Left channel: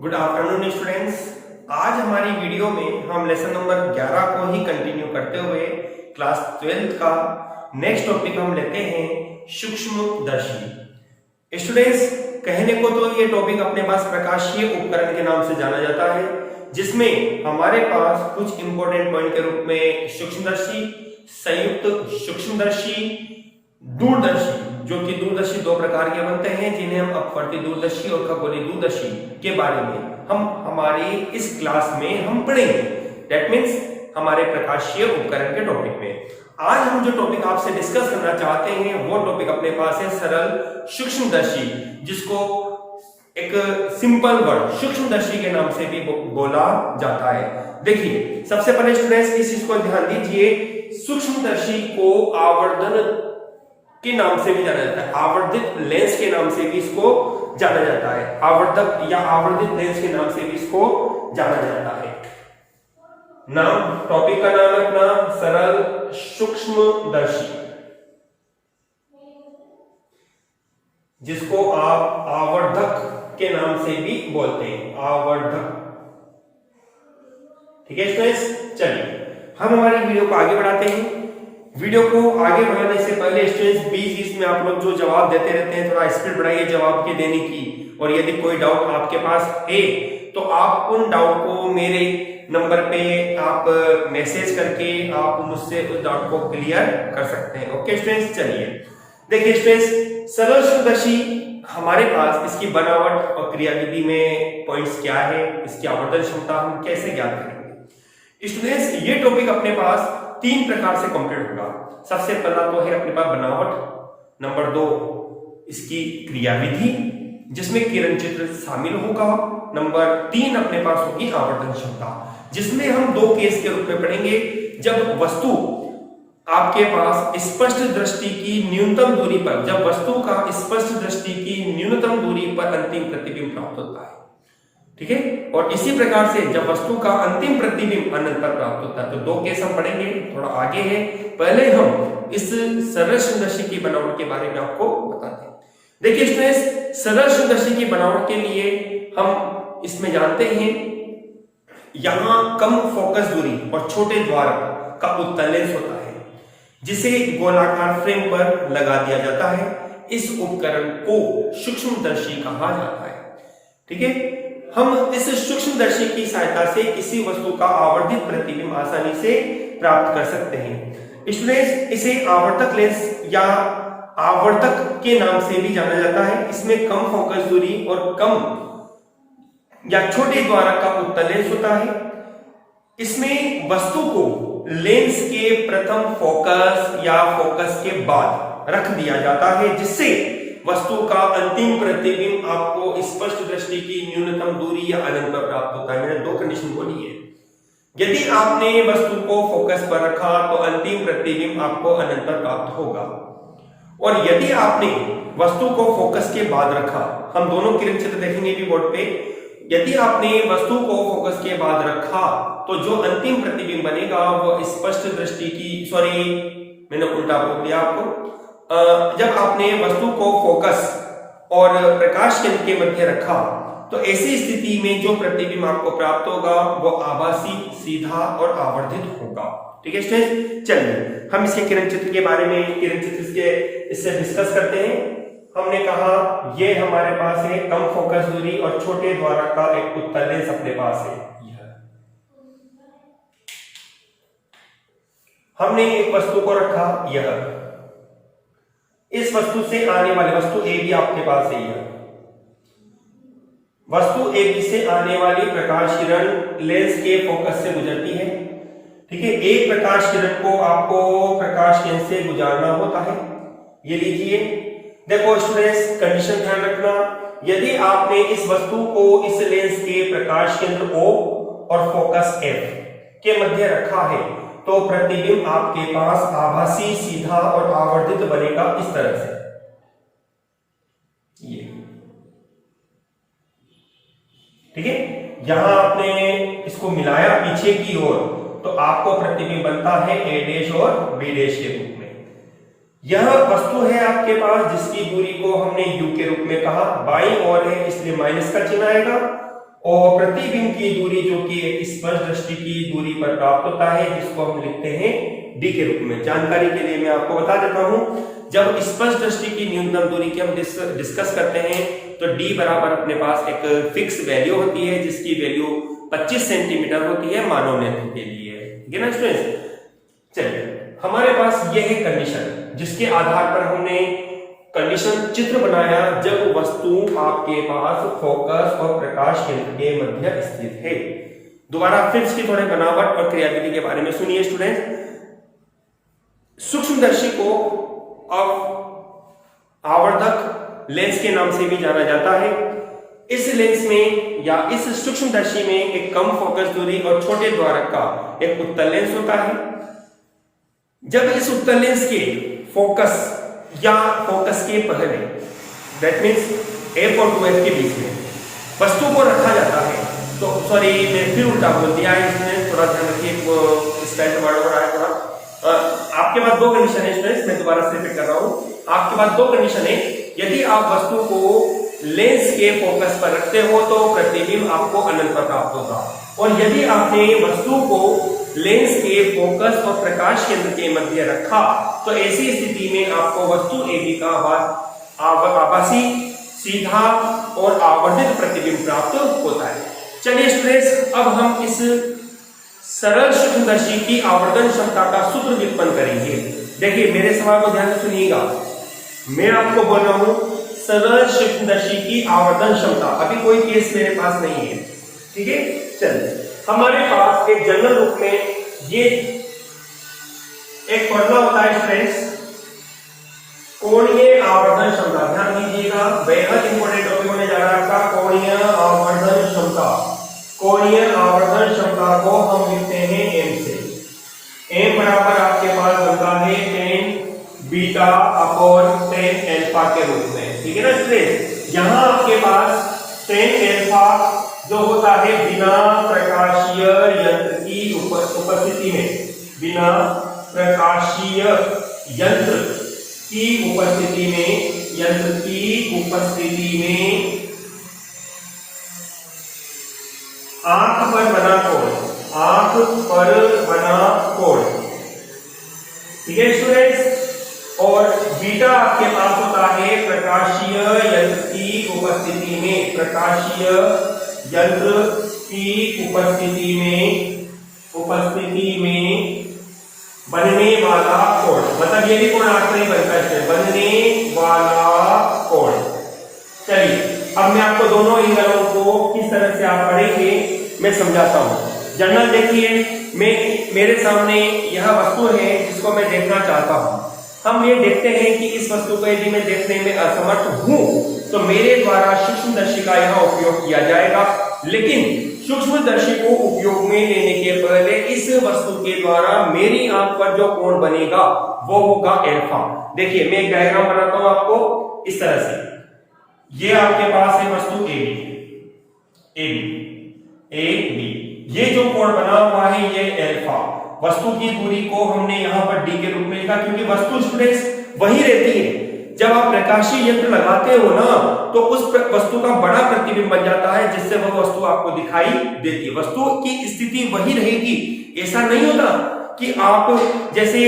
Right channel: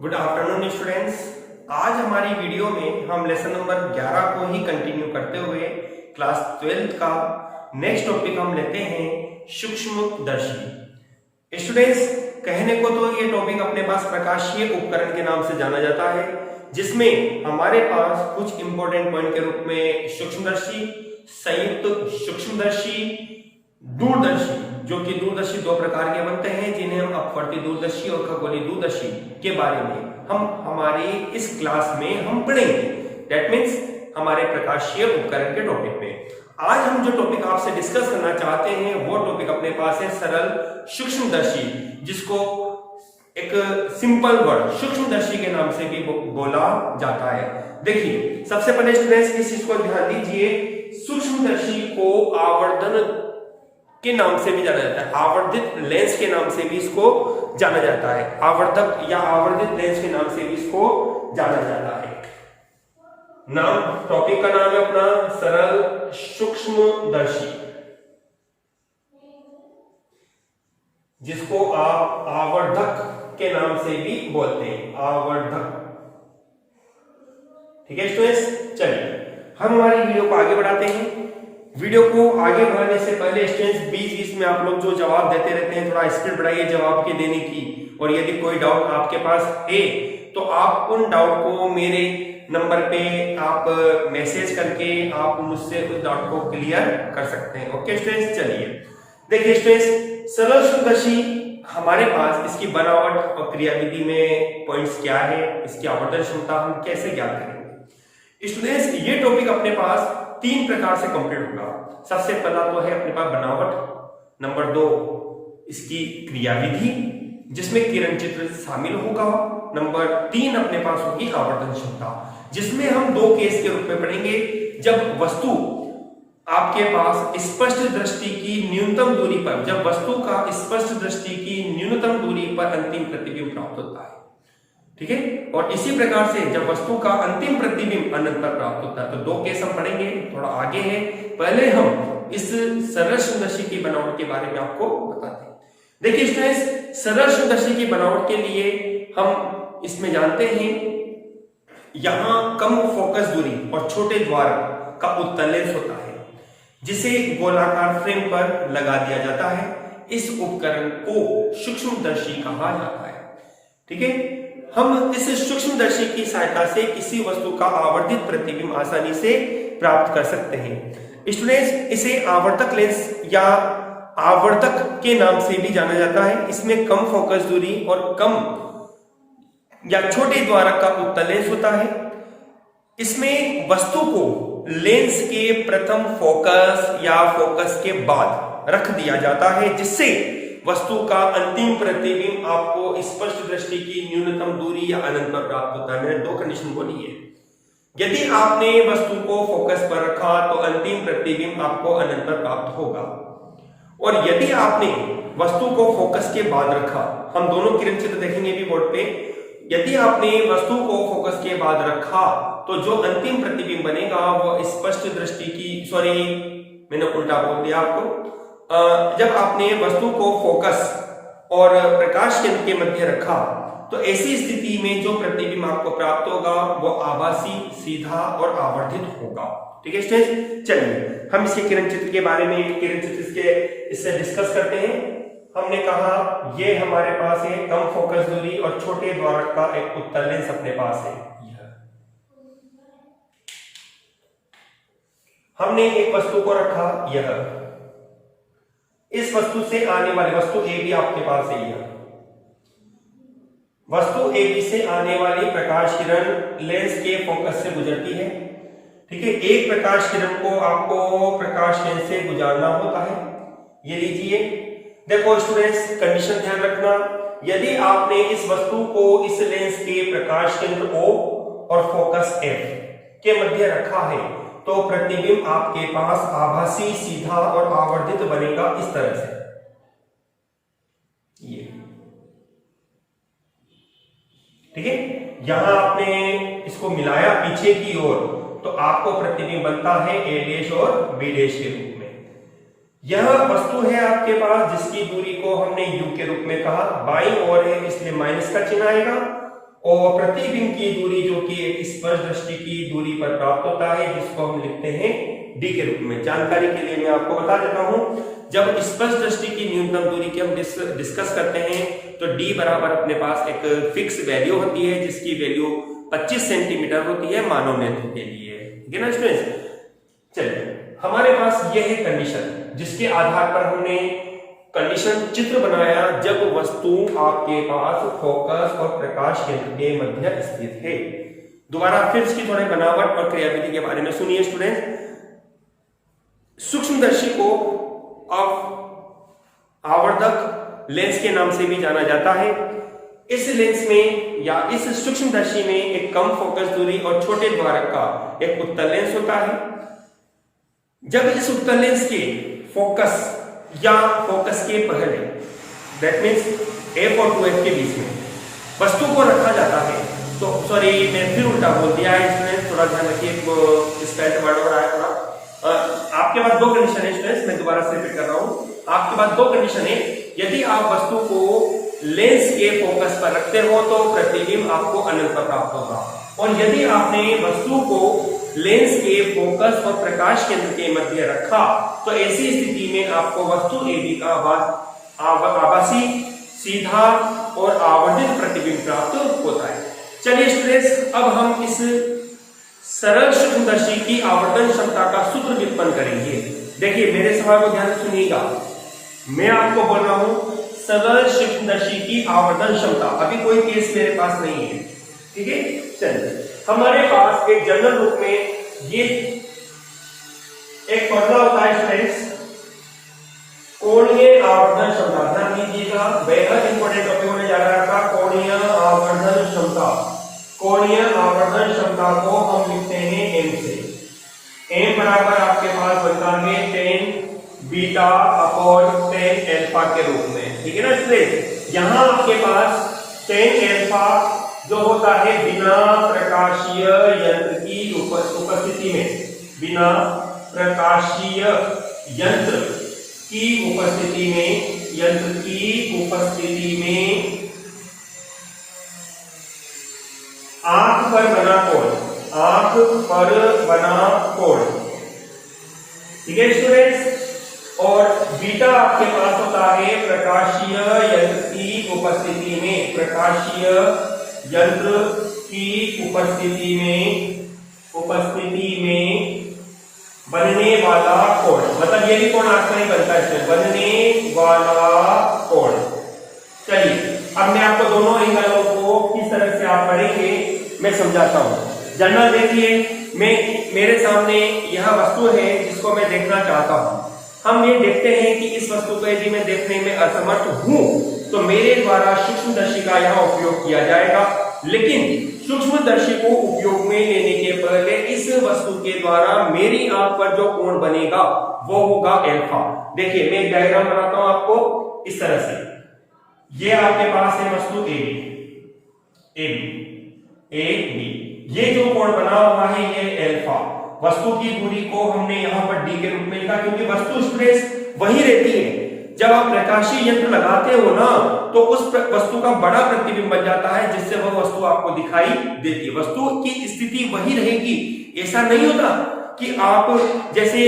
Good afternoon students. आज हमारी video में हम लेसन नंबर 11 को ही कंटिन्यू करते हुए क्लास 12 का नेक्स्ट टॉपिक हम लेते हैं सूक्ष्मदर्शी। स्टूडेंट्स, कहने को तो ये टॉपिक अपने पास प्रकाशीय उपकरण के नाम से जाना जाता है, जिसमें हमारे पास कुछ इंपॉर्टेंट पॉइंट के रूप में सूक्ष्मदर्शी, संयुक्त सूक्ष्मदर्शी, दूरदर्शी, जो कि दूरदर्शी दो प्रकार के बनते हैं, जिन्हें हम अपवर्ती दूरदर्शी और खगोलीय दूरदर्शी के बारे में हम हमारी इस क्लास में हम पढ़ेंगे। दैट मीन्स हमारे प्रकाशीय उपकरण के टॉपिक में आज हम जो टॉपिक आपसे डिस्कस करना चाहते हैं वो टॉपिक अपने पास है सरल सूक्ष्मदर्शी, जिसको एक सिंपल वर्ड सूक्ष्मदर्शी के नाम से भी बोला जाता है। देखिए, सबसे पहले स्टूडेंट्स इस चीज को ध्यान दीजिए, सूक्ष्मदर्शी को आवर्धन के नाम से भी जाना जाता है, आवर्धित लेंस के नाम से भी इसको जाना जाता है, आवर्धक या आवर्धित लेंस के नाम से भी इसको जाना जाता है। नाम, टॉपिक का नाम है अपना सरल सूक्ष्मदर्शी, जिसको आप आवर्धक के नाम से भी बोलते हैं, आवर्धक। ठीक है स्टूडेंट्स, चलिए हम हमारी वीडियो को आगे बढ़ाते हैं। वीडियो को आगे बढ़ाने से पहले स्टूडेंट्स बीच बीच में आप लोग जो जवाब देते रहते हैं, थोड़ा स्पीड बढ़ाइए जवाब के देने की, और यदि कोई डाउट आपके पास है तो आप उन डाउट को मेरे नंबर पे आप मैसेज करके आप मुझसे उस डाउट को क्लियर कर सकते हैं। ओके स्टूडेंट्स, चलिए देखिए स्टूडेंट्स, सरल सूक्ष्मदर्शी हमारे पास इसकी बनावट और क्रियाविधि में पॉइंट्स क्या है, इसकी आवर्धन क्षमता हम कैसे ज्ञात करेंगे। स्टूडेंट्स, ये टॉपिक अपने पास तीन प्रकार से कंप्लीट होगा। सबसे पहला तो है अपने पास बनावट, नंबर 2 इसकी क्रियाविधि जिसमें किरण चित्र शामिल होगा, नंबर 3 अपने पास होगी आवर्धन क्षमता, जिसमें हम दो केस के रूप में पढ़ेंगे। जब वस्तु आपके पास स्पष्ट दृष्टि की न्यूनतम दूरी पर, जब वस्तु का स्पष्ट दृष्टि की न्यूनतम दूरी पर अंतिम प्रतिबिंब प्राप्त होता है, ठीक है, और इसी प्रकार से जब वस्तु का अंतिम प्रतिबिंब अनंत पर प्राप्त होता है। तो दो केस हम पढ़ेंगे, थोड़ा आगे है। पहले हम इस सरल सूक्ष्मदर्शी की बनावट के बारे में आपको बताते हैं। देखिए स्टूडेंट्स, सरल सूक्ष्मदर्शी की बनावट के लिए हम इसमें जानते हैं, यहां कम फोकस दूरी और छोटे द्वारक का उत्तल लेंस होता है, जिसे गोलाकार फ्रेम पर लगा दिया जाता है। इस उपकरण को सूक्ष्मदर्शी कहा जाता है। ठीक है, हम इस सूक्ष्मदर्शी की सहायता से किसी वस्तु का आवर्धित प्रतिबिंब आसानी से प्राप्त कर सकते हैं। स्टूडेंट्स, इसे आवर्तक लेंस या आवर्तक के नाम से भी जाना जाता है। इसमें कम फोकस दूरी और कम या छोटे द्वारक का उत्तल लेंस होता है। इसमें वस्तु को लेंस के प्रथम फोकस या फोकस के बाद रख दिया जाता है, जिससे वस्तु का अंतिम प्रतिबिंब आपको स्पष्ट दृष्टि की न्यूनतम दूरी या अनंत पर प्राप्त होता है। मैंने दो कंडीशन बोली है। यदि आपने वस्तु को फोकस पर रखा तो अंतिम प्रतिबिंब आपको अनंत पर प्राप्त होगा, और यदि आपने वस्तु को फोकस के बाद रखा, हम दोनों किरण चित्र देखेंगे भी बोर्ड पे, यदि आपने वस्तु को फोकस के बाद रखा तो जो अंतिम प्रतिबिंब बनेगा वो स्पष्ट दृष्टि की, सॉरी मैंने उल्टा बोल दिया आपको, जब आपने वस्तु को फोकस और प्रकाश केंद्र के मध्य रखा तो ऐसी स्थिति में जो प्रतिबिंब आपको प्राप्त होगा वो आभासी, सीधा और आवर्धित होगा। ठीक है स्टूडेंट्स, चलिए हम इसके किरण चित्र के बारे में, किरण चित्र इससे डिस्कस करते हैं। हमने कहा ये हमारे पास है कम फोकस दूरी और छोटे द्वारक का एक उत्तल लेंस अपने पास है। हमने एक वस्तु को रखा, यह इस वस्तु से आने वाली वस्तु ए भी आपके पास है, यह वस्तु ए बी से आने वाली प्रकाश किरण लेंस के फोकस से गुजरती है। ठीक है, एक प्रकाश किरण को आपको प्रकाश लेंस से गुजारना होता है। ये लीजिए, देखो स्टूडेंट्स, कंडीशन ध्यान रखना, यदि आपने इस वस्तु को इस लेंस के प्रकाश केंद्र O और फोकस F के मध्य रखा है तो प्रतिबिंब आपके पास आभासी, सीधा और आवर्धित बनेगा इस तरह से। ये ठीक है, यहां आपने इसको मिलाया पीछे की ओर तो आपको प्रतिबिंब बनता है A' और B' के रूप में। यह वस्तु है आपके पास जिसकी दूरी को हमने U के रूप में कहा, बाईं ओर है इसलिए माइनस का चिन्ह आएगा, और प्रतिबिंब की दूरी जो कि स्पर्श दृष्टि की दूरी पर प्राप्त होता है, जिसको हम लिखते हैं डी के रूप में। जानकारी के लिए मैं आपको बता देता हूं, जब स्पर्श दृष्टि की न्यूनतम दूरी की हम डिस्कस करते हैं तो डी बराबर अपने पास एक फिक्स वैल्यू होती है, जिसकी वैल्यू 25 सेंटीमीटर होती है मानव नेत्र के लिए। ठीक है ना स्टूडेंट्स। चलिए, हमारे पास यह है कंडीशन, जिसके आधार पर हमने कंडीशन चित्र बनाया जब वस्तु आपके पास फोकस और प्रकाश केंद्र के मध्य स्थित है। दोबारा फिर इसकी थोड़े बनावट और क्रियाविधि के बारे में सुनिए स्टूडेंट्स। सूक्ष्मदर्शी को आवर्धक लेंस के नाम से भी जाना जाता है। इस लेंस में या इस सूक्ष्मदर्शी में एक कम फोकस दूरी और छोटे द्वारक का एक उत्तल लेंस होता है। जब इस उत्तल लेंस के फोकस या फोकस के पहले, दैट मीन्स F और 2F के बीच में वस्तु को रखा जाता है, तो सॉरी मैं फिर उल्टा बोल दिया है, इसमें थोड़ा ध्यान रखिए, स्पेल्ड वर्ड हो रहा है थोड़ा। आपके पास दो कंडीशन है स्टूडेंट्स, मैं दोबारा से रिपीट कर रहा हूं। आपके पास दो कंडीशन है। यदि आप वस्तु को लेंस के फोकस पर रखते हो तो प्रतिबिंब आपको अनंत पर प्राप्त होगा, और यदि आपने वस्तु को लेंस के फोकस और प्रकाश केंद्र के मध्य रखा तो ऐसी स्थिति में आपको वस्तु AB का आभासी, सीधा और आवर्धित प्रतिबिंब प्राप्त होता है। चलिए स्टूडेंट्स, अब हम इस सरल सूक्ष्मदर्शी की आवर्धन क्षमता का सूत्र व्युत्पन्न करेंगे। देखिए, मेरे सवाल को ध्यान से सुनिएगा। मैं आपको बोल रहा हूं सरल सूक्ष्मदर्शी की आवर्धन क्षमता, अभी कोई केस मेरे पास नहीं है। ठीक है, चलिए, हमारे पास एक जनरल रूप में ये एक फॉर्मूला होता है स्टूडेंट्स, कोणीय आवर्धन क्षमता। ध्यान दीजिएगा, बेहद इंपॉर्टेंट टॉपिक होने जा रहा है आपका कोणीय आवर्धन क्षमता। कोणीय आवर्धन क्षमता को हम लिखते हैं m से। m बराबर आपके पास बनता है tan beta upon tan alpha के रूप में। ठीक है ना स्टूडेंट। यहां आपके पास tan अल्फा जो होता है बिना प्रकाशीय यंत्र की उपस्थिति में, बिना प्रकाशीय यंत्र की उपस्थिति में आंख पर बना कोण। ठीक है स्टूडेंट्स। और बीटा आपके पास होता है प्रकाशीय यंत्र की उपस्थिति में, प्रकाशीय यंत्र की उपस्थिति में बनने वाला कोण। मतलब ये भी कोण आंख पर ही बनता है, बनने वाला कोण। चलिए, अब मैं आपको दोनों एंगलों को किस तरह से आप पढ़ेंगे मैं समझाता हूं। जनरल देखिए, मेरे सामने यह वस्तु है जिसको मैं देखना चाहता हूं। हम ये देखते हैं कि इस वस्तु को यदि मैं देखने में असमर्थ हूं तो मेरे द्वारा सूक्ष्मदर्शी का यहाँ उपयोग किया जाएगा, लेकिन सूक्ष्मदर्शी को उपयोग में लेने के पहले इस वस्तु के द्वारा मेरी आंख पर जो कोण बनेगा वो होगा अल्फा। देखिए, मैं एक डायग्राम बनाता हूं आपको इस तरह से। ये आपके पास है वस्तु AB, ये जो कोण बना हुआ है ये अल्फा। वस्तु की दूरी को हमने यहां पर d के रूप में लिखा, क्योंकि वस्तु स्टूडेंट्स वही रहती है। जब आप प्रकाशीय यंत्र लगाते हो ना तो उस वस्तु का बड़ा प्रतिबिंब बन जाता है, जिससे वह वस्तु आपको दिखाई देती है। वस्तु की स्थिति वही रहेगी। ऐसा नहीं होता कि आप जैसे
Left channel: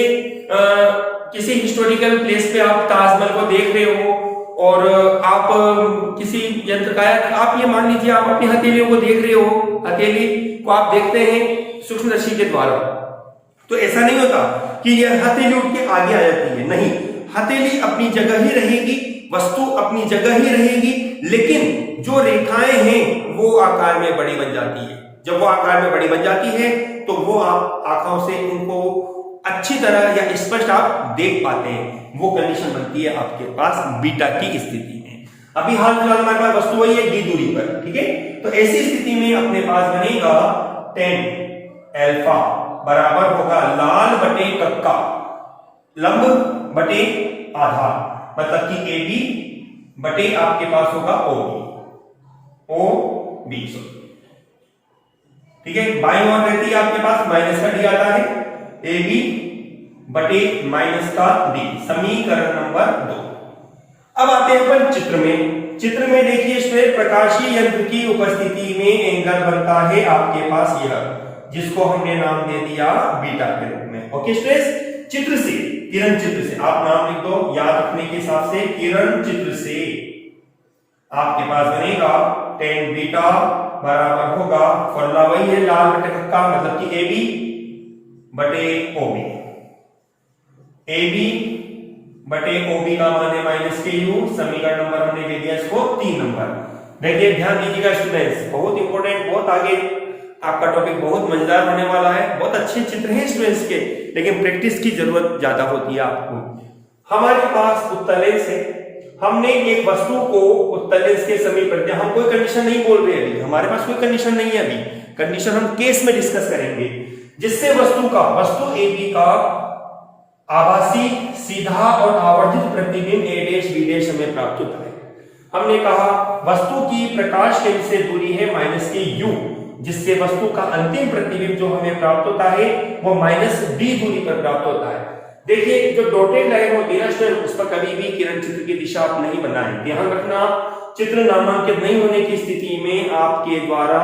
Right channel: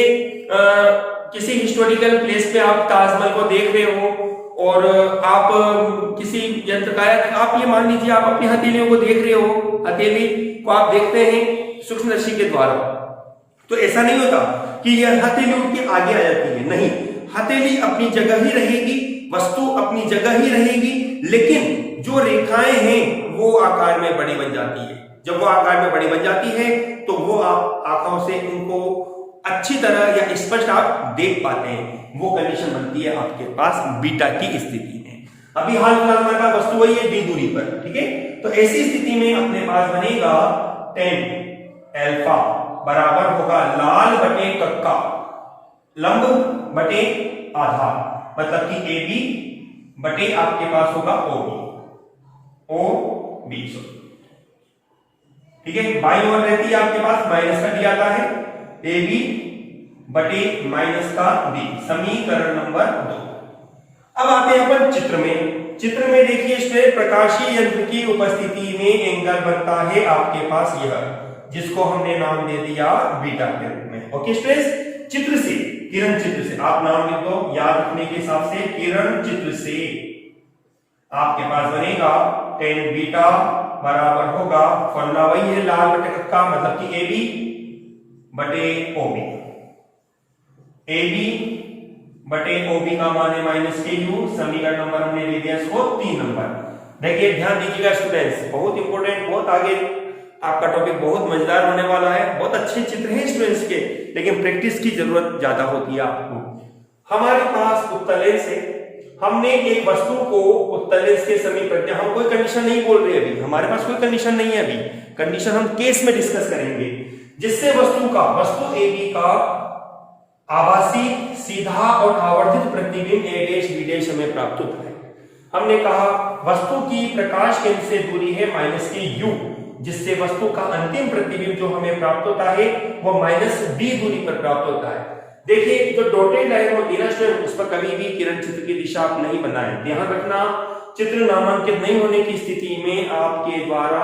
किसी हिस्टोरिकल प्लेस पे आप ताजमहल को देख रहे हो और आप किसी यंत्र का, आप ये मान लीजिए आप अपनी हथेलियों को देख रहे हो, हथेली को आप देखते हैं सूक्ष्मदर्शी के द्वारा, तो ऐसा नहीं होता कि यह हथेली उठ के आगे आ जाती है। नहीं, हथेली अपनी जगह ही रहेगी, वस्तु अपनी जगह ही रहेगी, लेकिन जो रेखाएं हैं वो आकार में बड़ी बन जाती है। जब वो आकार में बड़ी बन जाती है तो वो आप आंखों से उनको अच्छी तरह या स्पष्ट आप देख पाते हैं। वो कंडीशन बनती है आपके पास बीटा की स्थिति में। अभी हाल फिलहाल हमारे पास वस्तु वही है d दूरी पर, ठीक है। तो ऐसी स्थिति में अपने पास बनेगा tan अल्फा बराबर होगा लाल बटे कक्का, लंब बटे आधार, मतलब कि AB बटे आपके पास होगा OB, ठीक है। बाईं ओर रहती है आपके पास माइनस का डी आता है, AB बटे माइनस का D, समीकरण नंबर 2। अब आते हैं अपन चित्र में। चित्र में देखिए स्ट्रेट प्रकाशीय यंत्र की उपस्थिति में एंगल बनता है आपके पास यह, जिसको हमने नाम दे दिया बीटा के रूप में। ओके स्ट्रेस, चित्र से, किरण चित्र से आप नाम लिख दो याद रखने के हिसाब से, किरण चित्र से आपके पास बनेगा tan बीटा बराबर होगा, फॉर्मूला वही है लाल बटे का, मतलब कि AB बटे OB, AB बटे OB का मान है -KU, समीकरण नंबर हमने ले दिया इसको 3 नंबर। देखिए ध्यान दीजिएगा स्टूडेंट्स, बहुत इंपॉर्टेंट, बहुत आगे आपका टॉपिक बहुत मजेदार होने वाला है। बहुत अच्छे चित्र हैं स्टूडेंट्स के, लेकिन प्रैक्टिस की जरूरत ज्यादा होती है आपको। हमारे पास उत्तल लेंस है, हमने एक वस्तु को उत्तल लेंस के समीप रख दिया। हम कोई कंडीशन नहीं बोल रहे अभी, हमारे पास कोई कंडीशन नहीं है अभी, कंडीशन हम केस में डिस्कस करेंगे, जिससे वस्तु AB का आभासी सीधा और आवर्धित प्रतिबिंब A' B' हमें प्राप्त होता है। हमने कहा वस्तु की प्रकाश केंद्र से दूरी है -KU, जिससे वस्तु का अंतिम प्रतिबिंब जो हमें प्राप्त होता है वो -D दूरी पर प्राप्त होता है। देखिए जो डॉटेड लाइन होती है स्टूडेंट, उस पर कभी भी किरण चित्र की दिशा आप नहीं बनाएं। ध्यान रखना, चित्र नामांकित नहीं होने की स्थिति में आपके द्वारा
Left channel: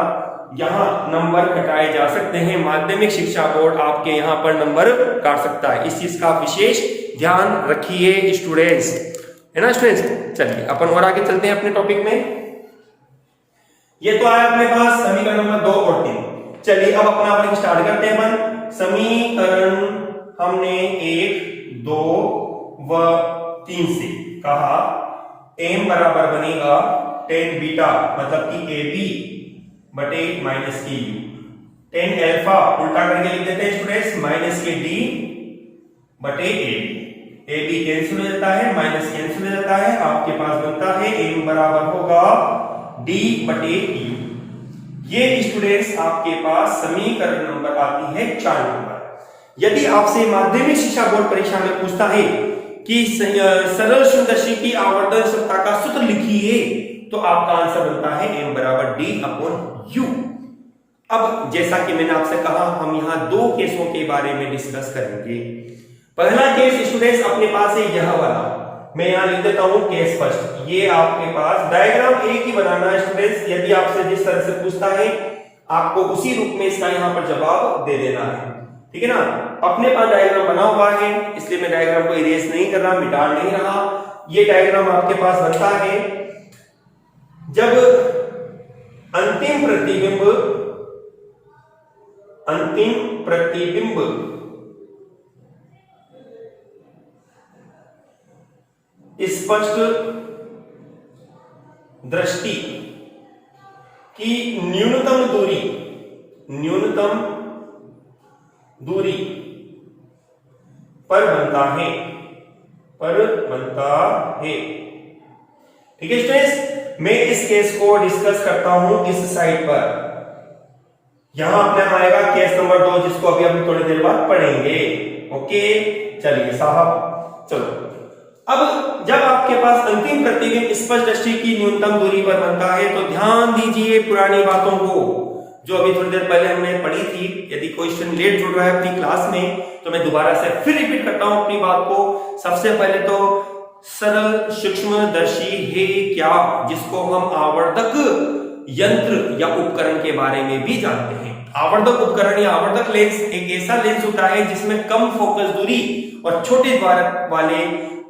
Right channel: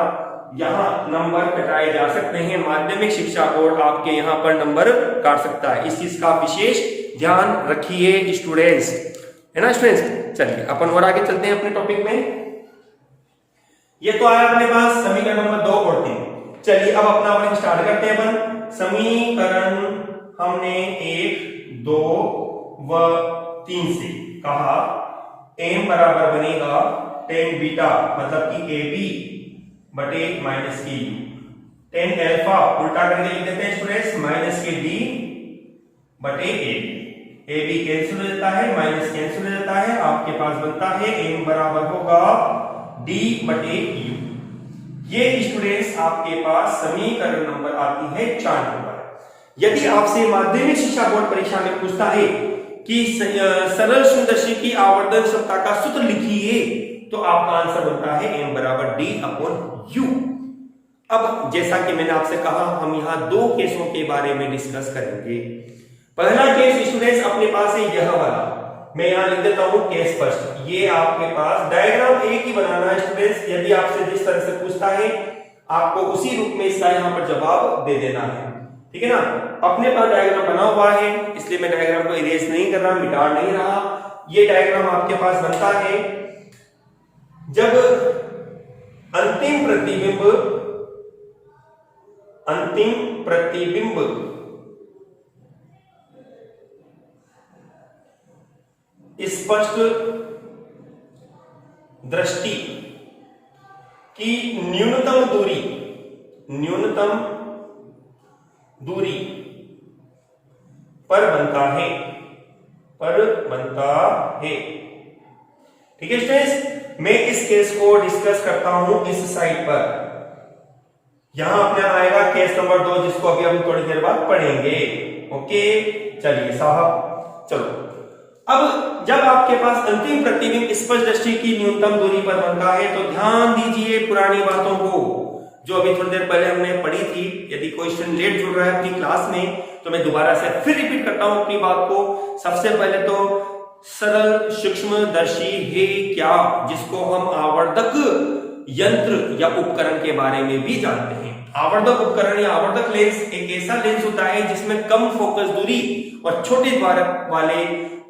यहाँ नंबर कटाए जा सकते हैं। माध्यमिक शिक्षा बोर्ड आपके यहाँ पर नंबर काट सकता है, इस चीज का विशेष ध्यान रखिए स्टूडेंट्स, है ना स्टूडेंट्स। चलिए अपन और आगे चलते हैं अपने टॉपिक में। ये तो आया अपने पास समीकरण नंबर 2 और 3। चलिए अब अपना वर्ग स्टार्ट करते हैं अपन। समीकरण हमने 1, 2 व 3 से कहा m बराबर बनेगा tan बीटा, मतलब कि AB बटे -KU, tan अल्फा उल्टा करके लिख देते हैं स्टूडेंट्स, -KD बटे AB कैंसिल हो जाता है, माइनस कैंसिल हो जाता है, आपके पास बनता है m बराबर होगा D बटे U। ये स्टूडेंट्स आपके पास समीकरण नंबर आती है 4 नंबर। यदि आपसे माध्यमिक शिक्षा बोर्ड परीक्षा में पूछता है कि सरल सूक्ष्मदर्शी की आवर्धन क्षमता का सूत्र लिखिए, तो आपका आंसर बनता है m बराबर D अपॉन U। अब जैसा कि मैंने आपसे कहा, हम यहाँ 2 केसों के बारे में डिस्कस करेंगे। पहला केस स्टूडेंट्स अपने पास है यह वाला, मैं यहाँ लिख देता हूं केस फर्स्ट। ये आपके पास डायग्राम एक ही बनाना है स्टूडेंट्स, यदि आपसे जिस तरह से पूछता है आपको उसी रूप में इसका यहाँ पर जवाब दे देना है, ठीक है ना। अपने पास डायग्राम बना हुआ है, इसलिए मैं डायग्राम को इरेज नहीं कर रहा, मिटा नहीं रहा। ये डायग्राम आपके पास बनता है जब अंतिम प्रतिबिंब स्पष्ट दृष्टि की न्यूनतम दूरी पर बनता है, ठीक है स्टूडेंट्स। मैं इस केस को डिस्कस करता हूं इस साइड पर। यहां अपना आएगा केस नंबर 2, जिसको अभी हम थोड़ी देर बाद पढ़ेंगे। ओके चलिए साहब, चलो अब जब आपके पास अंतिम प्रतिबिंब स्पष्ट दृष्टि की न्यूनतम दूरी पर बनता है, तो ध्यान दीजिए पुरानी बातों को जो अभी थोड़ी देर पहले हमने पढ़ी थी। यदि क्वेश्चन लेट जुड़ रहा है अपनी क्लास में, तो मैं दोबारा से फिर रिपीट करता हूं अपनी बात को। सबसे पहले तो सरल सूक्ष्मदर्शी है क्या, जिसको हम आवर्धक यंत्र या उपकरण के बारे में भी जानते हैं। आवर्धक उपकरण या आवर्धक लेंस एक ऐसा लेंस होता है जिसमें कम फोकस दूरी और छोटे द्वारक वाले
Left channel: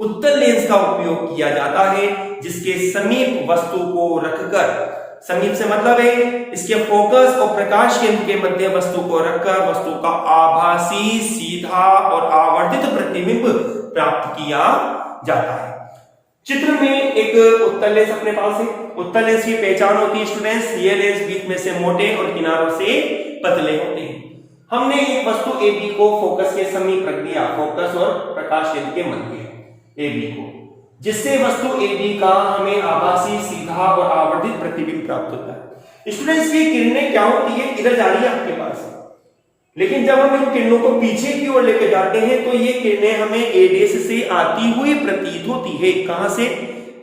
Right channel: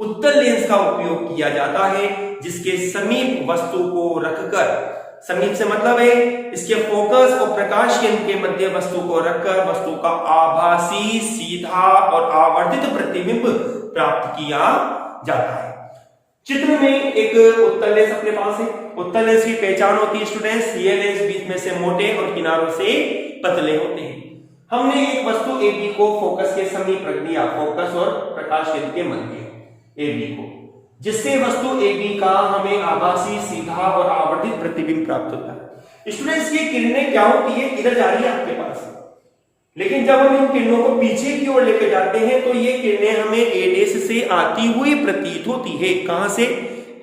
उत्तल लेंस का उपयोग किया जाता है, जिसके समीप वस्तु को रखकर, समीप से मतलब है इसके फोकस और प्रकाश केंद्र के मध्य वस्तु को रखकर वस्तु का आभासी सीधा और आवर्धित प्रतिबिंब प्राप्त किया जाता है। चित्र में एक उत्तल लेंस अपने पास है। उत्तल लेंस की पहचान होती है स्टूडेंट्स, ये लेंस बीच में से मोटे और किनारों से पतले होते हैं। हमने एक वस्तु AB को फोकस के समीप रख दिया, फोकस और प्रकाश केंद्र के मध्य AB को, जिससे वस्तु AB का हमें आभासी सीधा और आवर्धित प्रतिबिंब प्राप्त होता है। स्टूडेंट्स की किरणें क्या होती है, इधर जा रही है आपके पास, लेकिन जब हम इन किरणों को पीछे की ओर लेकर जाते हैं तो ये किरणें हमें A' से आती हुई प्रतीत होती है। कहां से?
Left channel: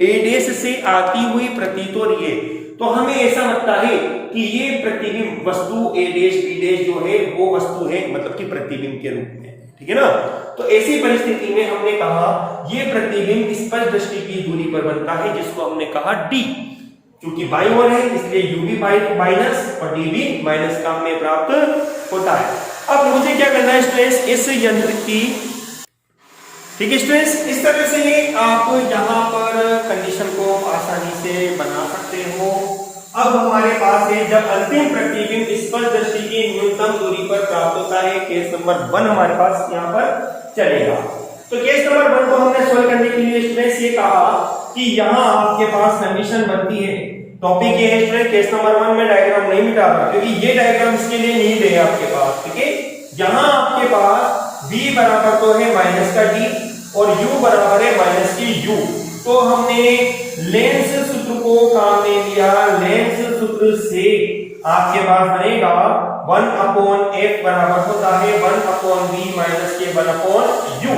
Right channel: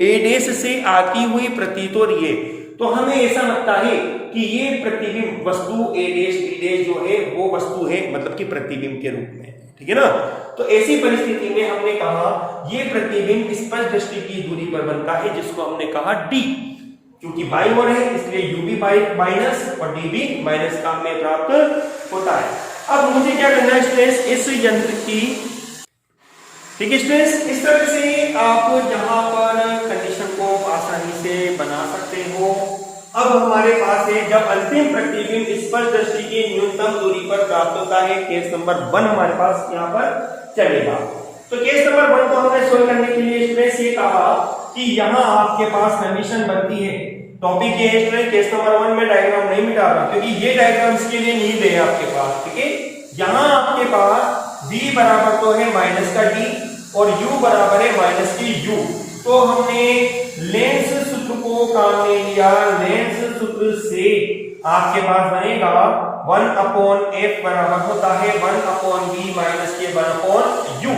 A' से आती हुई प्रतीत हो रही है, तो हमें ऐसा लगता है कि ये प्रतिबिंब वस्तु A' B' जो है वो वस्तु है, मतलब कि प्रतिबिंब के रूप में, ठीक है ना। तो ऐसी परिस्थिति में हमने कहा ये प्रतिबिंब स्पष्ट दृष्टि की दूरी पर बनता है, जिसको हमने कहा d, क्योंकि बाईं ओर है इसलिए u भी माइनस और d भी माइनस का हमें प्राप्त होता है। अब मुझे क्या करना है स्टूडेंट्स, इस यंत्र की, ठीक है स्टूडेंट्स, इस तरह से आप यहाँ पर कंडीशन को आसानी से बना सकते हो। अब हमारे पास है जब अंतिम प्रतिबिंब स्पष्ट दृष्टि की न्यूनतम दूरी पर प्राप्त होता है, केस नंबर 1 हमारे पास यहाँ पर चलेगा। तो केस नंबर 1 को हमने सोल्व करने के लिए स्टूडेंट्स ये कहा कि यहाँ आपके पास कंडीशन बनती है, टॉपिक ये है स्टूडेंट, केस नंबर 1 में डायग्राम नहीं मिटा रहा क्योंकि ये डायग्राम इसके लिए नहीं दे आपके पास, ठीक है। यहाँ आपके पास v बराबर तो है माइनस का d और u बराबर है माइनस की u, तो हमने लेंस सूत्र को काम में लिया। लेंस सूत्र से आपके पास बनेगा 1/f बराबर होता है 1/v माइनस के 1/u,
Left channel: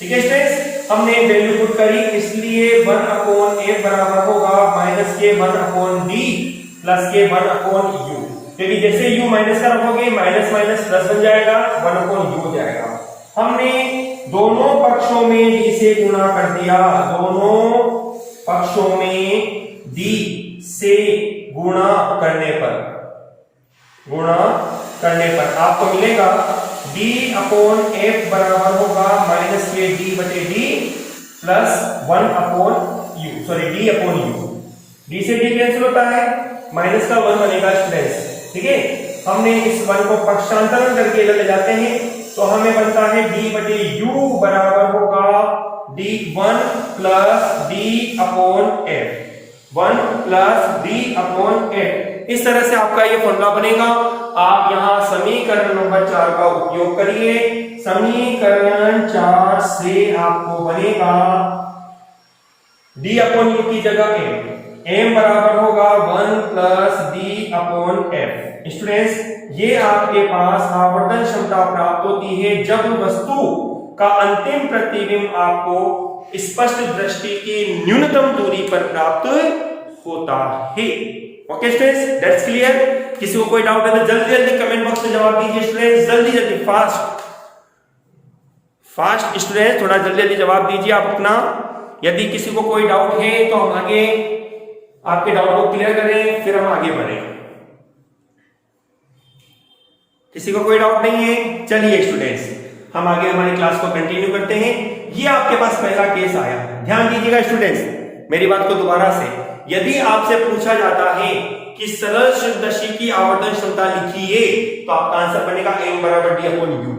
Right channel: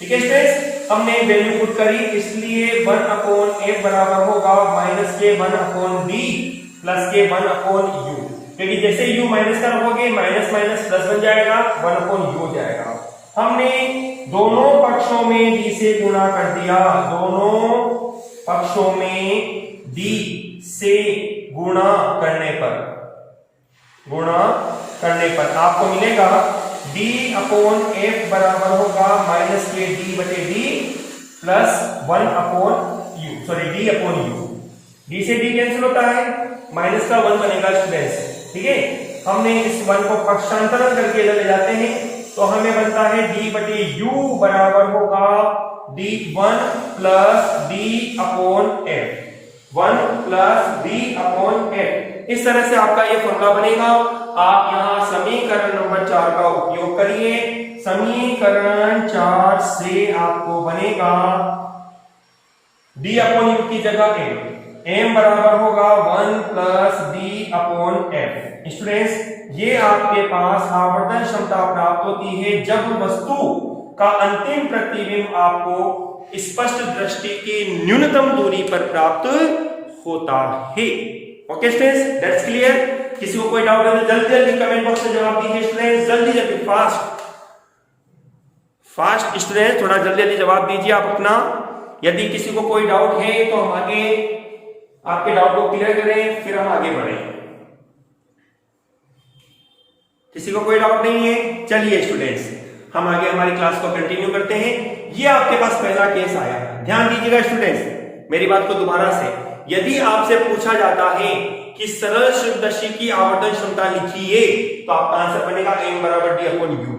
ठीक है स्टूडेंट्स। हमने वैल्यू पुट करी इसलिए 1/f बराबर होगा माइनस के 1/v प्लस के 1/u, क्योंकि जैसे u माइनस का रखोगे माइनस माइनस प्लस बन जाएगा 1/u जाएगा। हमने दोनों पक्षों में d से गुणा कर दिया, दोनों पक्षों में d से गुणा करने पर आपको मिलेगा d/f बराबर होगा माइनस के d/d plus 1/u, sorry d/u। d से d कैंसिल होता है, माइनस का 1 बनेगा स्टूडेंट्स, ठीक है। हमने इस 1 को पक्षांतरण करके ले जाते हैं तो हमें बनता है d/u बराबर होगा d1 plus d/f, 1 plus d/f। इस तरह से आपका ये फॉर्मूला बनेगा। आप यहाँ समीकरण नंबर 4 का उपयोग करिए। समीकरण 4 से आपको बनेगा d/u की जगह m बराबर होगा 1 प्लस d/f। स्टूडेंट्स, ये आपके पास आवर्धन क्षमता प्राप्त होती है जब वस्तु का अंतिम प्रतिबिंब आपको स्पष्ट दृष्टि की न्यूनतम दूरी पर प्राप्त होता है। Okay students, that's clear. किसी को कोई डाउट है तो जल्दी जल्दी कमेंट बॉक्स में जवाब दीजिए स्टूडेंट्स, जल्दी जल्दी फास्ट स्टूडेंट्स, थोड़ा जल्दी जल्दी जवाब दीजिए आप अपना। यदि किसी को कोई डाउट है तो हम आगे आपके डाउट को क्लियर करें, फिर हम आगे बढ़ें। किसी को कोई डाउट नहीं है, चलिए स्टूडेंट्स हम आगे हमारी क्लास को कंटिन्यू करते हैं। ये आपके पास पहला केस आया, ध्यान दीजिएगा स्टूडेंट्स मेरी बात को दोबारा से। यदि आपसे पूछा जाता है कि सरल शुद्धदर्शी की आवर्धन क्षमता लिखिए तो आपका आंसर बनेगा m बराबर d/u।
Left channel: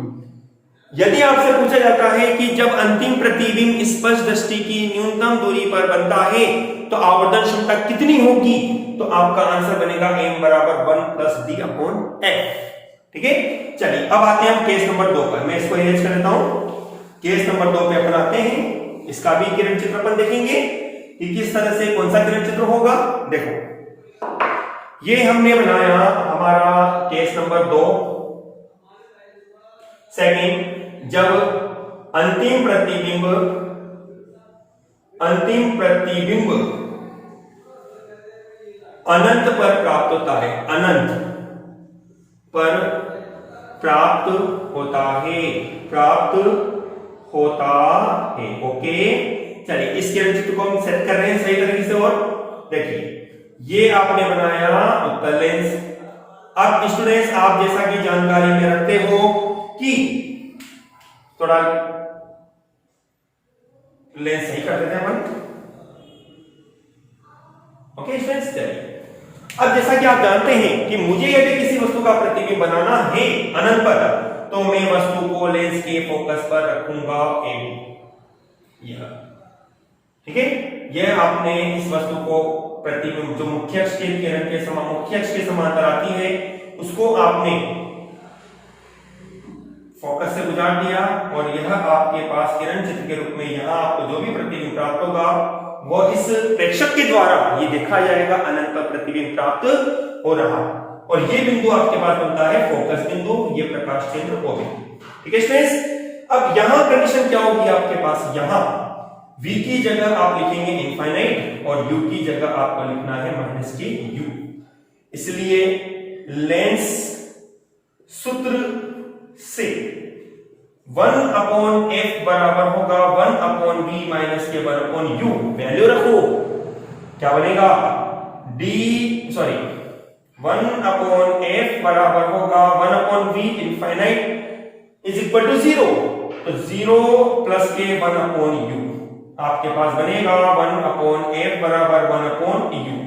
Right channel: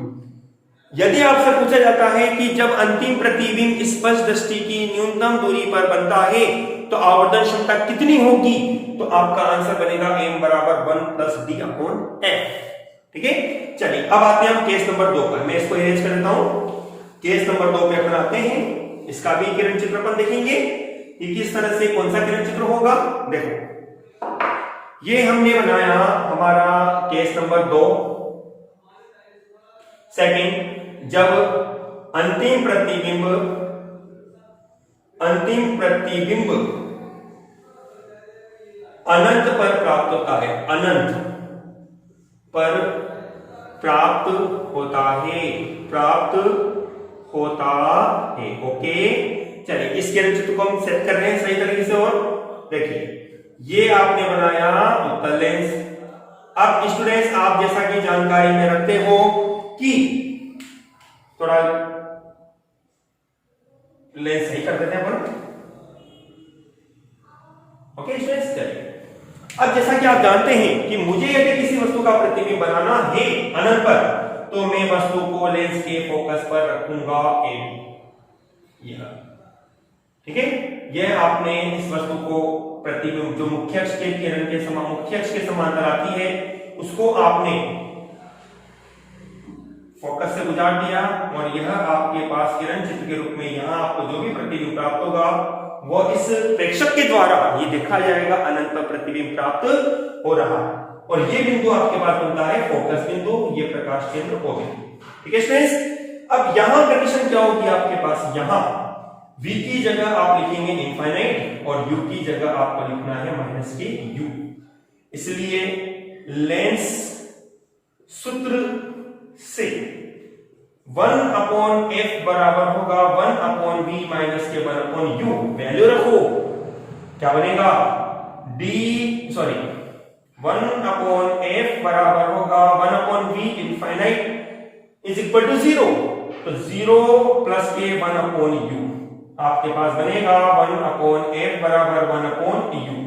यदि आपसे पूछा जाता है कि जब अंतिम प्रतिबिंब स्पष्ट दृष्टि की न्यूनतम दूरी पर बनता है तो आवर्धन क्षमता कितनी होगी, तो आपका आंसर बनेगा m बराबर 1 प्लस d/f, ठीक है। चलिए अब आते हैं हम केस नंबर 2 पर। मैं इसको इरेज कर देता हूं। केस नंबर 2 पे अपन आते हैं। इसका भी किरण चित्र अपन देखेंगे कि किस तरह से कौन सा किरण चित्र होगा। देखो ये हमने बनाया हमारा केस नंबर 2 सेकंड, जब अंतिम प्रतिबिंब अनंत पर प्राप्त होता है, अनंत पर प्राप्त होता है। ओके चलिए इस किरण चित्र को हम सेट कर रहे हैं सही तरीके से। और देखिए ये आपने बनाया उत्तल लेंस। अब स्टूडेंट्स आप जैसा कि जानकारी में रखते हो कि थोड़ा लेंस सही कर देते हैं अपन। ओके स्टूडेंट्स, चलिए अब जैसा कि आप जानते हैं कि मुझे यदि किसी वस्तु का प्रतिबिंब बनाना है अनंत पर, तो मैं वस्तु को लेंस के फोकस पर रखूंगा यह, ठीक है। यह आपने इस वस्तु को प्रतिबिंब जो मुख्य अक्ष के किरण के मुख्य अक्ष के समांतर आती है उसको आपने फोकस से गुजार दिया और यह आपके पास किरण चित्र के रूप में यहां आपको जो भी प्रतिबिंब प्राप्त होगा वो इस प्रेक्षक के द्वारा ये देखा जाएगा अनंत पर प्रतिबिंब प्राप्त हो रहा है। और ये बिंदु आपके पास बनता है फोकस बिंदु, ये प्रकाश केंद्र O बिंदु, ठीक है स्टूडेंट्स। अब यहां कंडीशन क्या होगी आपके पास, यहां v की जगह आप लिखेंगे इनफाइनाइट और u की जगह आपको लिखना है माइनस के u। इसलिए लेंस सूत्र से 1/f बराबर होगा 1/v माइनस के 1/u। वैल्यू रखो, क्या बनेगा 1/f बराबर होगा 1/v infinite is equal to 0। तो 0 प्लस के 1/u आपके पास बनेगा 1/f बराबर 1/u।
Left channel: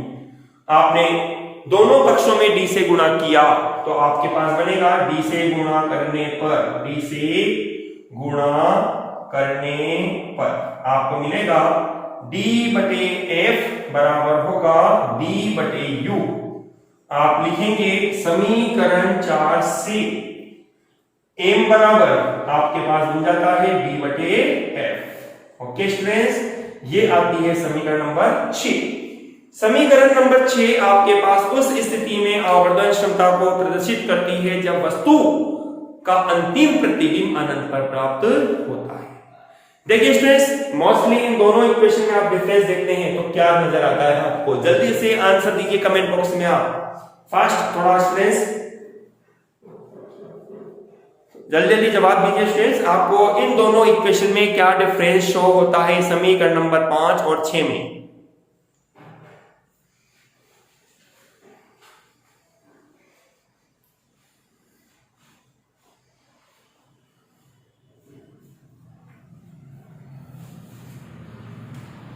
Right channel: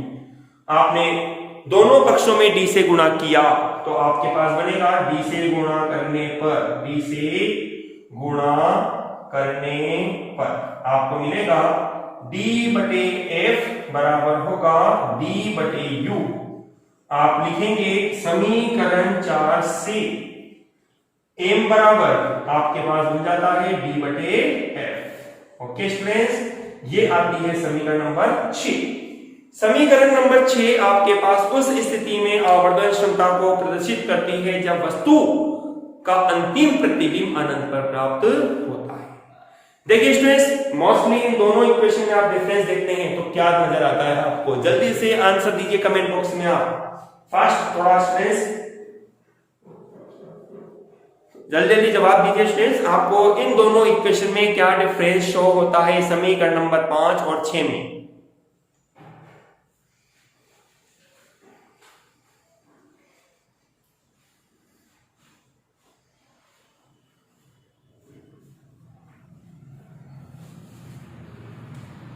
आपने दोनों पक्षों में d से गुणा किया तो आपके पास बनेगा d से गुणा करने पर आपको मिलेगा d/f बराबर होगा d/u। आप लिखेंगे समीकरण 4 से m बराबर आपके पास बन जाता है d/f। ओके स्टूडेंट्स, ये आती है समीकरण नंबर 6। समीकरण नंबर 6 आपके पास उस स्थिति में आवर्धन क्षमता को प्रदर्शित करती है जब वस्तु का अंतिम प्रतिबिंब अनंत पर प्राप्त होता है। देखिए स्टूडेंट्स, मोस्टली इन दोनों इक्वेशन में आप डिफरेंस देखते हैं तो क्या नजर आता है आपको? जल्दी से आंसर दीजिए कमेंट बॉक्स में। आप फास्ट थोड़ा स्टूडेंट्स जल्दी जवाब दीजिए स्टूडेंट्स। आपको इन दोनों इक्वेशन में क्या डिफरेंस शो होता है समीकरण नंबर 5 और 6 में?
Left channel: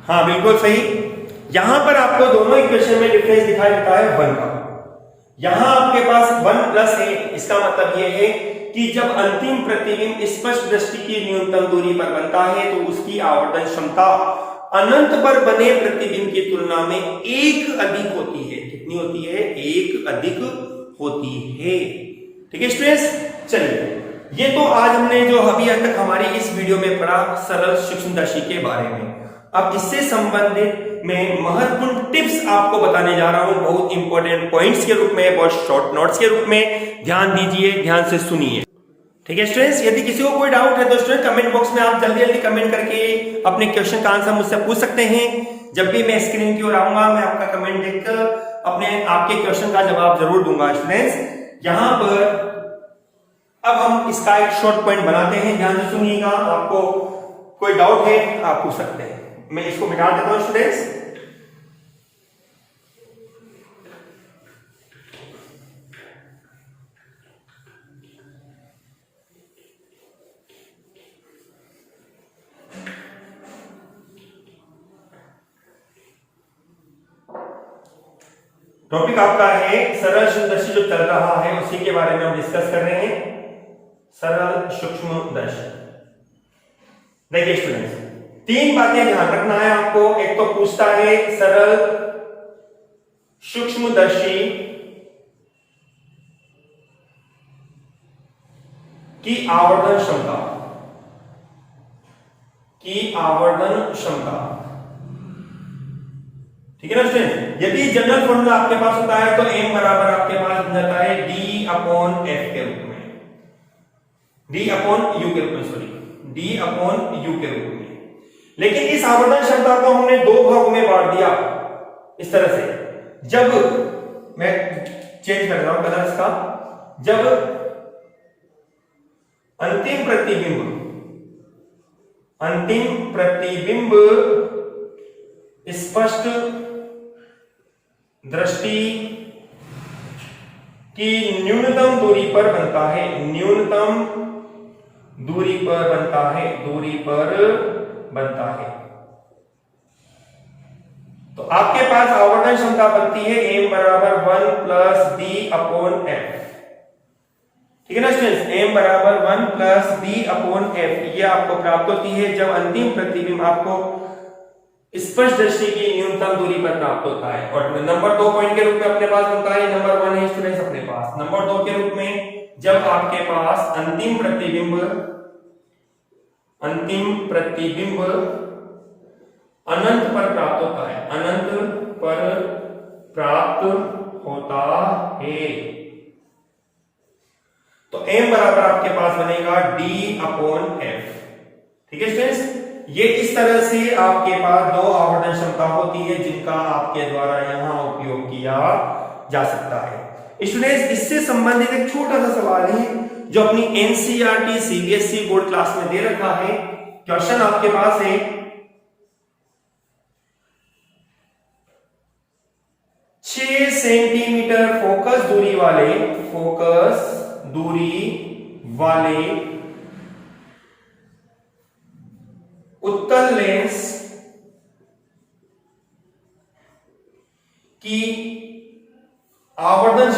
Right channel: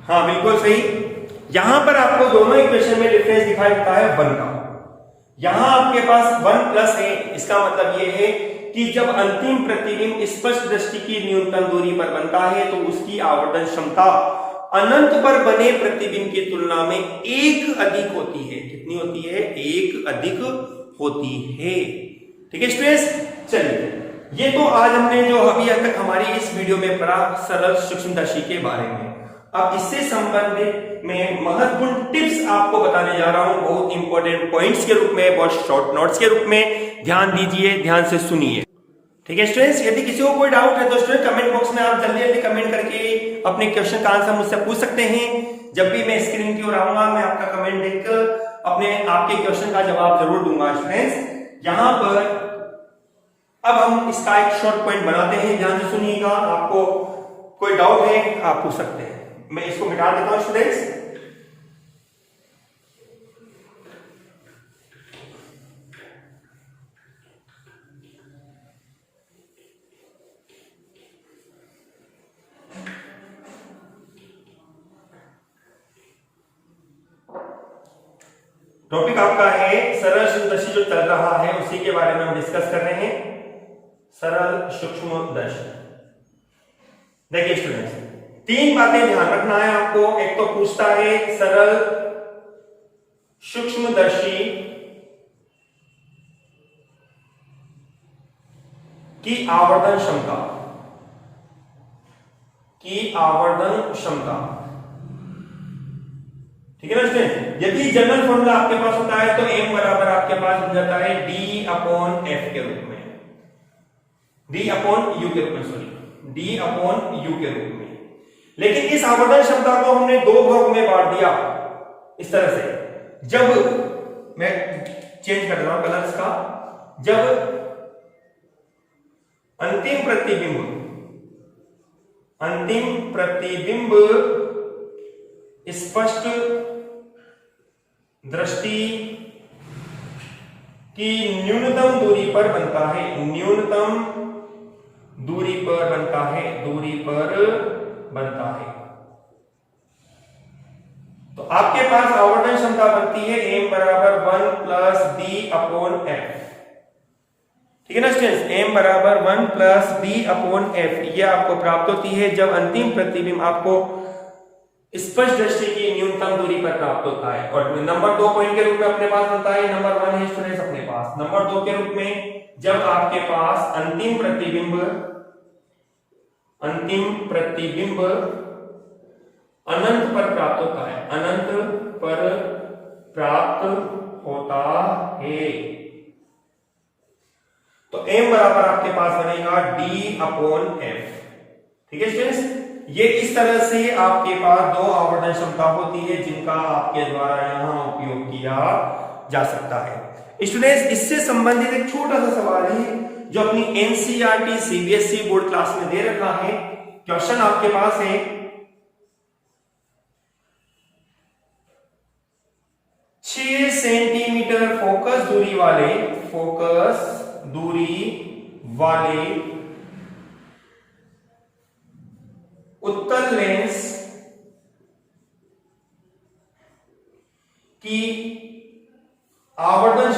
हाँ बिल्कुल सही। यहां पर आपको दोनों इक्वेशन में डिफरेंस दिखाई देता है 1 का। यहां आपके पास 1 प्लस है, इसका मतलब यह है कि जब अंतिम प्रतिबिंब स्पष्ट दृष्टि की न्यूनतम दूरी पर बनता है तो उसकी आवर्धन क्षमता अनंत पर बने प्रतिबिंब की तुलना में 1 अधिक होती है। कितनी होती है? 1 अधिक होती है। ठीक है स्टूडेंट्स, चलिए ये तो आज हमने जो अभी तक हमारी इस वीडियो में पढ़ा सरल सूक्ष्मदर्शी के बारे में। अब इससे संबंधित मैं महत्वपूर्ण टिप्स आपको बताने जा रहा हूं, बहुत इंपॉर्टेंट पॉइंट्स के रूप में, बहुत शॉर्ट नोट्स के रूप में। ध्यान दीजिए, ध्यान से सुनिए। ठीक है स्टूडेंट्स, यदि किसी को कोई डाउट है तो स्टूडेंट कमेंट बॉक्स में आप जल्दी कमेंट करके अपने क्वेश्चन का आंसर मुझसे पूछ सकते हैं। जब भी मैं स्क्रीन की ओर आऊंगा मैं आपका कमेंट देखकर अपने आपके क्वेश्चन का जवाब जरूर दूंगा। स्टूडेंट्स यहां पर अब हम इसका एक शॉर्ट पॉइंट बनाते हैं, ध्यान से सुनिएगा। आपको कोई डाउट है आप पूछ सकते हैं। मैं इसको मिटा देता हूं स्टूडेंट्स। टॉपिक आपका है सरल सूक्ष्मदर्शी, जो चल रहा है उसी के बारे में हम डिस्कस कर रहे हैं। सरल सूक्ष्मदर्शी। देखिए स्टूडेंट्स, 3 बातें ध्यान रखना है आपको। एक तो पूछता है सरल सूक्ष्मदर्शी की आवर्धन क्षमता। ठीक है ना स्टूडेंट? यदि जनरल फॉर्मूला आपके पास होता है तो m बराबर आपके पास बन जाता है d/f के रूप में, d/u के रूप में। लेकिन Iस आवर्धन क्षमता को हमने 2 भागों में बांट दिया इस तरह से। जब मैं चेंज कर रहा हूं कलर इसका, जब अंतिम प्रतिबिंब स्पष्ट दृष्टि की न्यूनतम दूरी पर बनता है, तो आपके पास आवर्धन क्षमता बनती है m बराबर 1 प्लस b/f। ठीक है ना स्टूडेंट्स? m बराबर 1 प्लस b/f ये आपको प्राप्त होती है जब अंतिम प्रतिबिंब आपको स्पष्ट दृष्टि की न्यूनतम दूरी पर प्राप्त होता है। और नंबर 2 पॉइंट के रूप में अपने पास बनता है, नंबर 1 है स्टूडेंट्स अपने पास। नंबर 2 के रूप में जब आपके पास अंतिम प्रतिबिंब अनंत पर प्राप्त होता है तो m बराबर आपके पास बनेगा d/f। ठीक है स्टूडेंट्स, ये इस तरह से आपके पास 2 आवर्धन क्षमता होती है जिनका आपके द्वारा यहां उपयोग किया जा सकता है। स्टूडेंट्स इससे संबंधित एक छोटा सा सवाल है जो अपनी एनसीईआरटी सीबीएसई बोर्ड क्लास में दे रखा है। क्वेश्चन आपके पास है 6 सेंटीमीटर फोकस दूरी वाले उत्तल लेंस की आवर्धन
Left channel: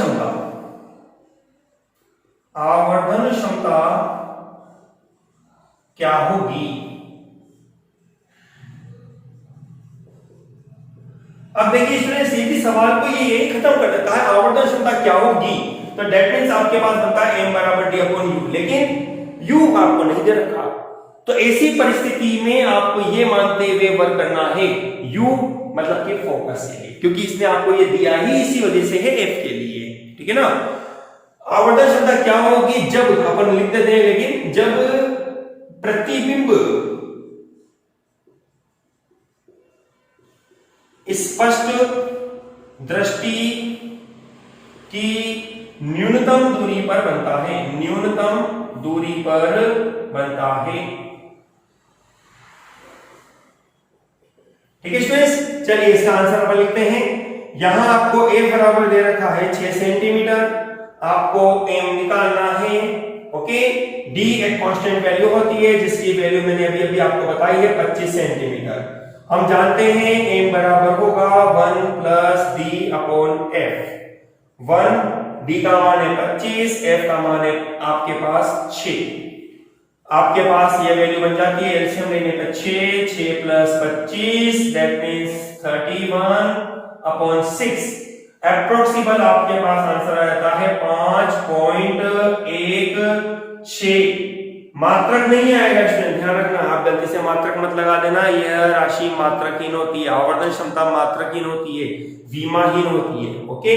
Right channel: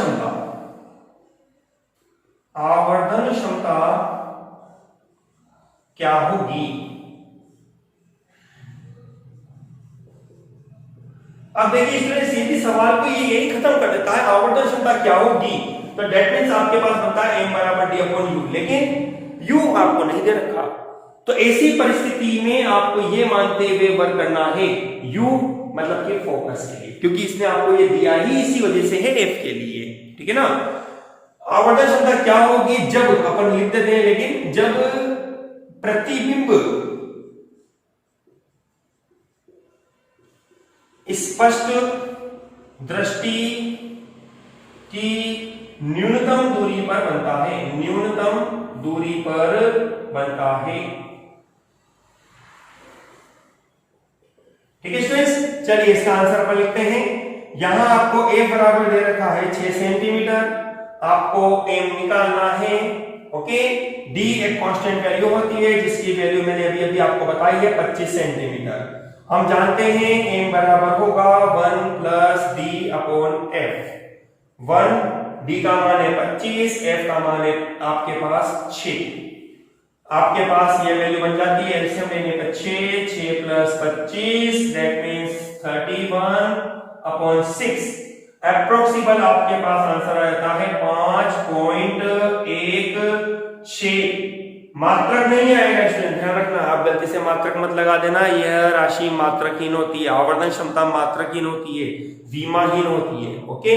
क्षमता क्या होगी। अब देखिए स्टूडेंट, सीधी सवाल को ये खत्म कर देता है, आवर्धन क्षमता क्या होगी, तो डेट मीन्स आपके पास बनता है m बराबर d अपॉन u, लेकिन u आपको नहीं दे रखा। तो ऐसी परिस्थिति में आपको ये मानते हुए वर्क करना है u मतलब कि फोकस के लिए, क्योंकि इसने आपको ये दिया ही इसी वजह से है f के लिए, ठीक है ना। आवर्धन क्षमता क्या होगी, जब अपन लिख देते हैं, लेकिन जब प्रतिबिंब स्पष्ट दृष्टि की न्यूनतम दूरी पर बनता है, ठीक है स्टूडेंट्स। चलिए इसका आंसर अपन लिखते हैं। यहां आपको a बराबर दे रखा है 6 सेंटीमीटर, आपको m निकालना है, ओके। d एक कांस्टेंट वैल्यू होती है जिसकी वैल्यू मैंने अभी आपको बताई है 25 सेंटीमीटर। हम जानते हैं m बराबर होगा 1 plus d upon f। 1 d का मान है 25, f का मान है आपके पास 6। आपके पास ये वैल्यू बन जाती है, एलसीएम लेने पर 6 plus 25 that means 31 upon 6। Approximate आपके पास आंसर आ जाता है 5.16। मात्रक नहीं आएगा स्टूडेंट, ध्यान रखना, आप गलती से मात्रक मत लगा देना। यह राशि मात्रकहीन होती है, आवर्धन क्षमता मात्रकहीन होती है, विमाहीन होती है, ओके।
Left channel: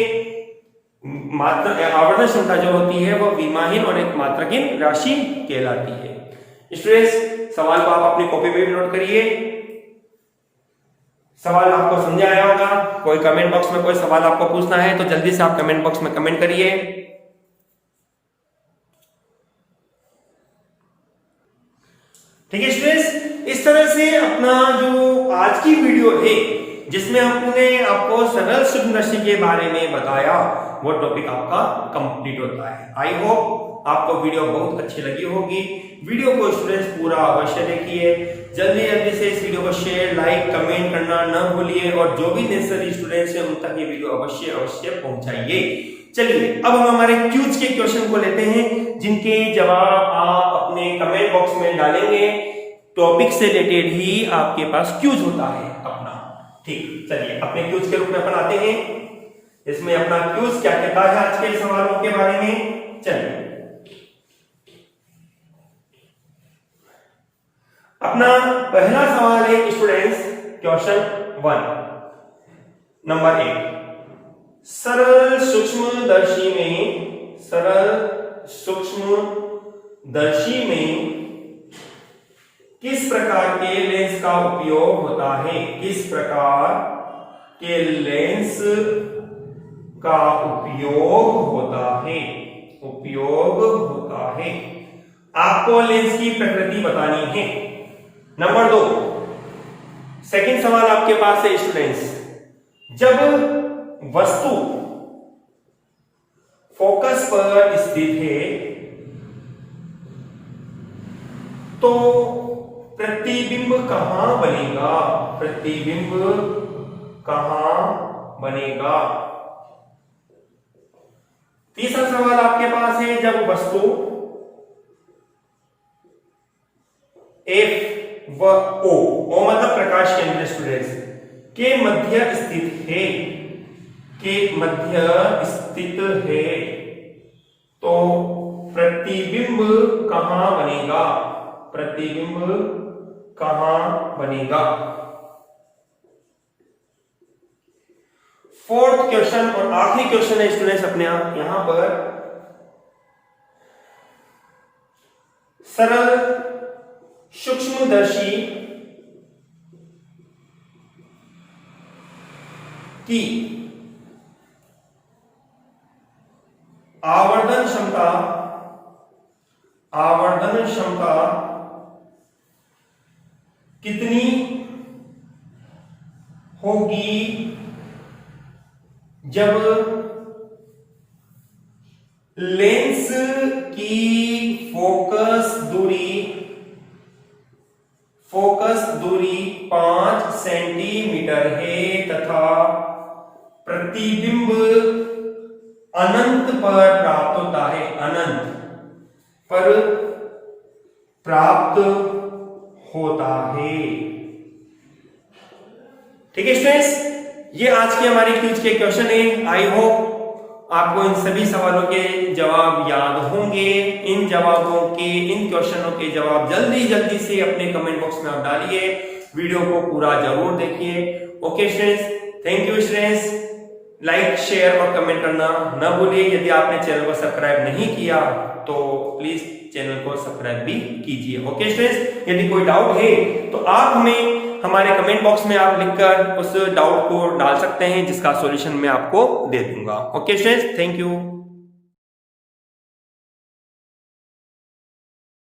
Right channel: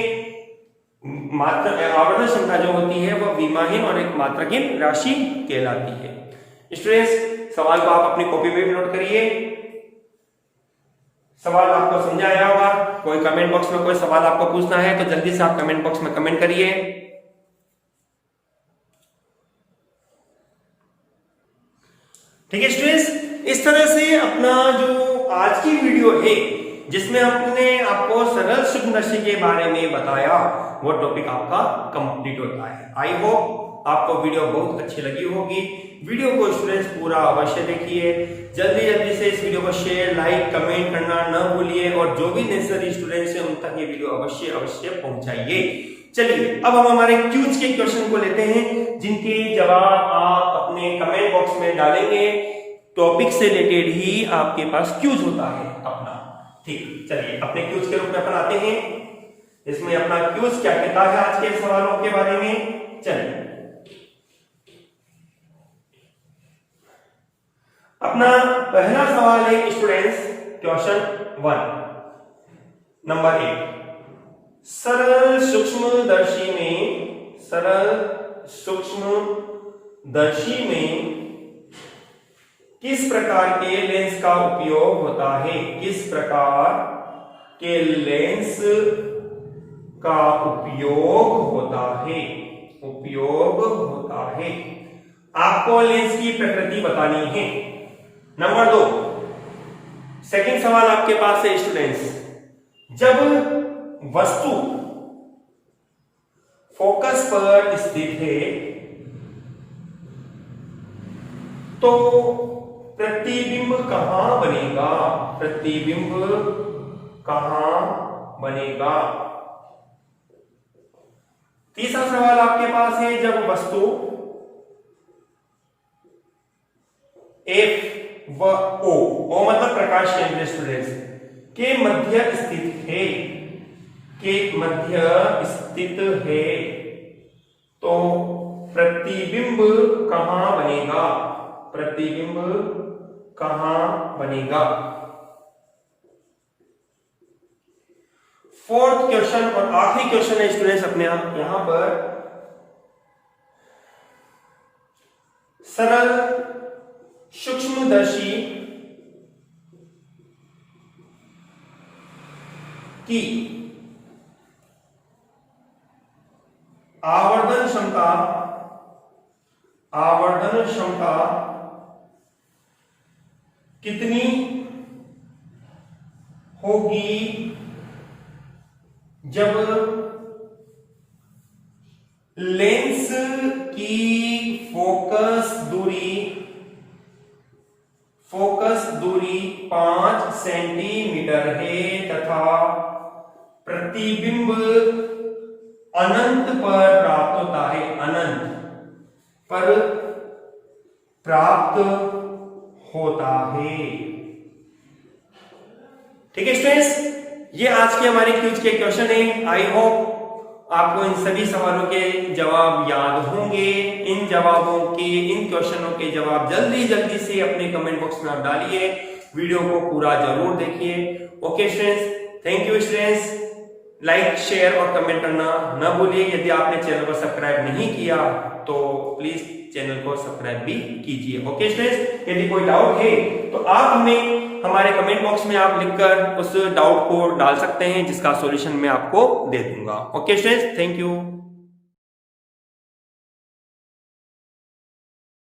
आवर्धन क्षमता जो होती है वह विमाहीन और एक मात्रकहीन राशि कहलाती है। स्टूडेंट्स, सवाल को आप अपनी कॉपी में भी नोट करिए। सवाल आपको समझ आया होगा। कोई कमेंट बॉक्स में कोई सवाल आपको पूछना है तो जल्दी से आप कमेंट बॉक्स में कमेंट करिए। ठीक है स्टूडेंट्स, इस तरह से अपना जो आज की वीडियो है जिसमें हमने आपको सरल सूक्ष्मदर्शी के बारे में बताया, वो टॉपिक आपका कंप्लीट होता है। आई होप आपको वीडियो बहुत अच्छी लगी होगी। वीडियो को स्टूडेंट्स पूरा अवश्य देखिए, जल्दी से इस वीडियो को शेयर, लाइक, कमेंट करना न भूलिए और जो भी नेसेसरी स्टूडेंट्स हैं उन तक ये वीडियो अवश्य पहुंचाइए। चलिए अब हम हमारे क्यूज के क्वेश्चन को लेते हैं, जिनके जवाब आप अपने कमेंट बॉक्स में डालेंगे। टॉपिक से रिलेटेड ही आपके पास क्यूज होता है अपना, ठीक। चलिए अपने क्यूज के रूप में अपन आते हैं। इसमें अपना क्यूज क्या कहता है आज के सवालों के बारे में। चलिए अपना पहला सवाल है स्टूडेंट्स, क्वेश्चन 1 नंबर 1। सरल सूक्ष्मदर्शी में किस प्रकार के लेंस का उपयोग होता है, किस प्रकार के लेंस का उपयोग होता है। आपको लेंस की प्रकृति बतानी है। नंबर 2, सेकंड सवाल आपके पास है स्टूडेंट्स, जब वस्तु फोकस पर स्थित है तो प्रतिबिंब कहां बनेगा। तीसरा सवाल आपके पास है, जब वस्तु F व O मतलब प्रकाश केंद्र स्टूडेंट्स के मध्य स्थित है तो प्रतिबिंब कहां बनेगा। फोर्थ क्वेश्चन और आखिरी क्वेश्चन है स्टूडेंट्स अपने यहां पर, सरल सूक्ष्मदर्शी की आवर्धन क्षमता अपवर्तन क्षमता कितनी होगी जब लेंस की फोकस दूरी 5 सेंटीमीटर है तथा प्रतिबिंब अनंत पर प्राप्त होता है, अनंत पर प्राप्त होता है। ठीक है स्टूडेंट्स, ये आज के हमारे क्विज के क्वेश्चन है। आई होप आपको इन सभी सवालों के जवाब याद होंगे। इन क्वेश्चनों के जवाब जल्दी से अपने कमेंट बॉक्स में आप डालिए। वीडियो को पूरा जरूर देखिए। Okay students, thank you students. Like, share और कमेंट करना न भूलिए। यदि आपने चैनल को सब्सक्राइब नहीं किया तो प्लीज चैनल को सब्सक्राइब भी कीजिए। ओके स्टूडेंट्स, यदि कोई डाउट है तो आप हमें हमारे कमेंट बॉक्स में आप लिखकर उस डाउट को डाल सकते हैं, जिसका सॉल्यूशन मैं आपको दे दूंगा। Okay students, thank you.